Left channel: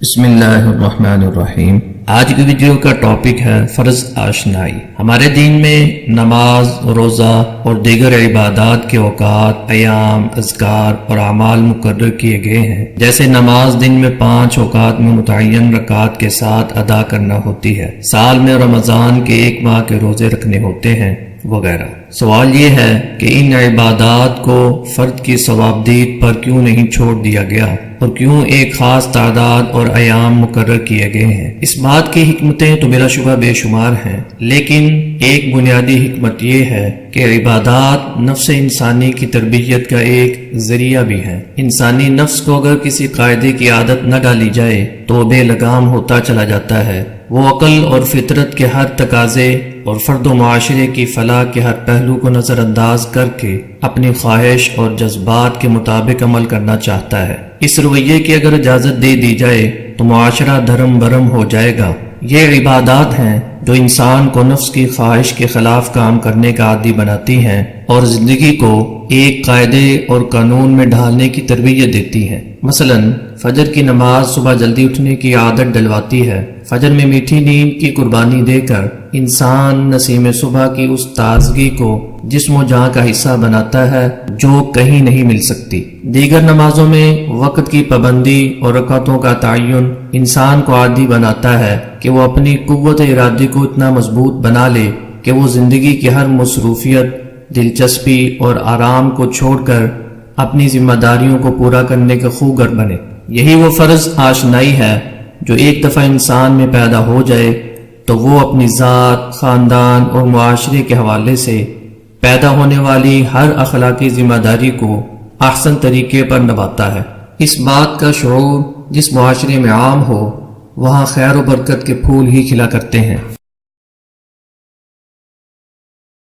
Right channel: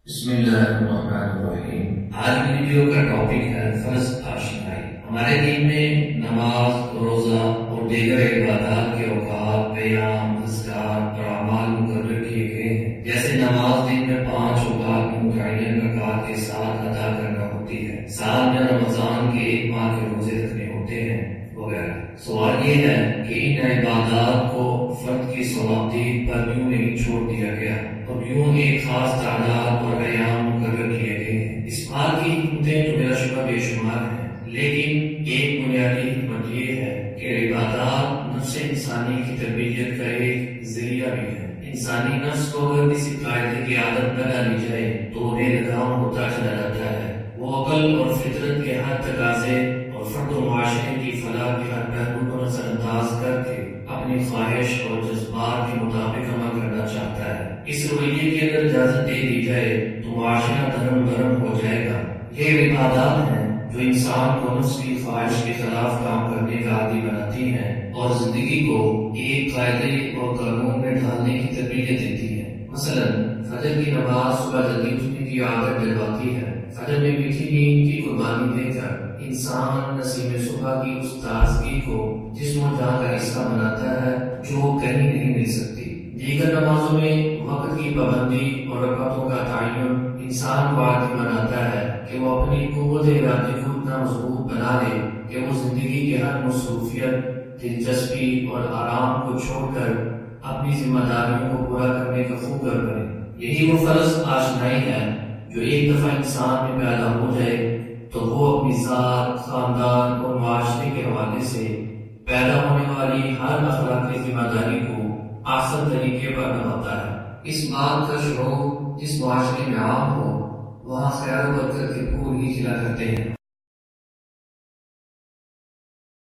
بسم اللہ الرحمن الرحیم۔ آج کی ویڈیو کا ٹاپک ہے فرض آشنائی۔ ہمارے دین میں نماز، روزہ اور دیگر عبادات کے اوقات، ایام، اذکار اور اعمال مقرر کیے گئے ہیں۔ جیسے نماز دن میں 5 اوقات میں متعین رکعات کے ساتھ ادا کرنا ہوتی ہے، سال میں رمضان کے 1 ماہ کے روزے رکھنے ہوتے ہیں وغیرہ۔ سوال یہ ہے کہ ان عبادات کو فرد کی ثوابدید پر کیوں نہیں چھوڑ دیا گیا اور کیوں ایک خاص تعداد اور ایام مقرر کیے گئے ہیں؟ اس بات کی حکمتیں تو بلا شبہ بے شمار ہیں، لیکن ایک بنیادی حکمت یہ ہے کہ عبادات نفس انسانی کی تربیت کا ایک ذریعہ بھی ہے۔ انسانی نفس کو اگر کسی قاعدے کی عادت نہ ڈالی جائے تو بے لگام ہوتا چلا جاتا ہے۔ وہ عقل اور فطرت کے ہر تقاضے اور فرد و معاشرے کی فلاح کے ہر پہلو کو نظر انداز کر کے اپنی خواہش اور جذبات کے مطابق عمل کرنا چاہتا ہے۔ اس رویے کی اگر اجازت دے دی جائے تو معاشرہ دھرم برم ہو جائے گا۔ یہ عبادات ہیں جو انسان کو نفس کی خواہش کے خلاف کام کرنے کا عادی بناتی ہیں اور زندگی کو ایک قاعدے اور قانون میں ڈھالنے کی تربیت دیتی ہیں۔ مثلا فجر کی نماز صبح جلدی اٹھنے کی عادت ڈلواتی ہے۔ فجر میں میٹھی نیند کی قربانی دے کر انسان نسیم صبح کی اس تازگی کو جسم و جاں کا حصہ بناتا ہے جو کہیں نہیں مل سکتی۔ دیگر نمازوں میں وقت کی پابندی اور رکعتوں کا تعین انسان کو عادی بناتا ہے کہ وہ اپنی قوت ارادی کو اتنا مضبوط بنا لے کہ وہ زندگی کی ہر مصروفیت، دلچسپی اور آرام کو چھوڑ کر اپنی ذمہ داریوں کو پورا کرنے کا خوگر بنے۔ یہی وہ فرض آشنائی ہے جو ایک دفعہ انسان میں پیدا ہو جائے تو وہ اپنی ذات، خاندان اور معاشرے کے حوالے سے پیدا ہونے والی ہر اخلاقی ذمہ داری کو احسن طریقے پر نبھاتا ہے۔ اس بات کا شعور جس معاشرے میں عام ہو وہاں خیر و برکت کے پھول ہی کھلا کرتے ہیں۔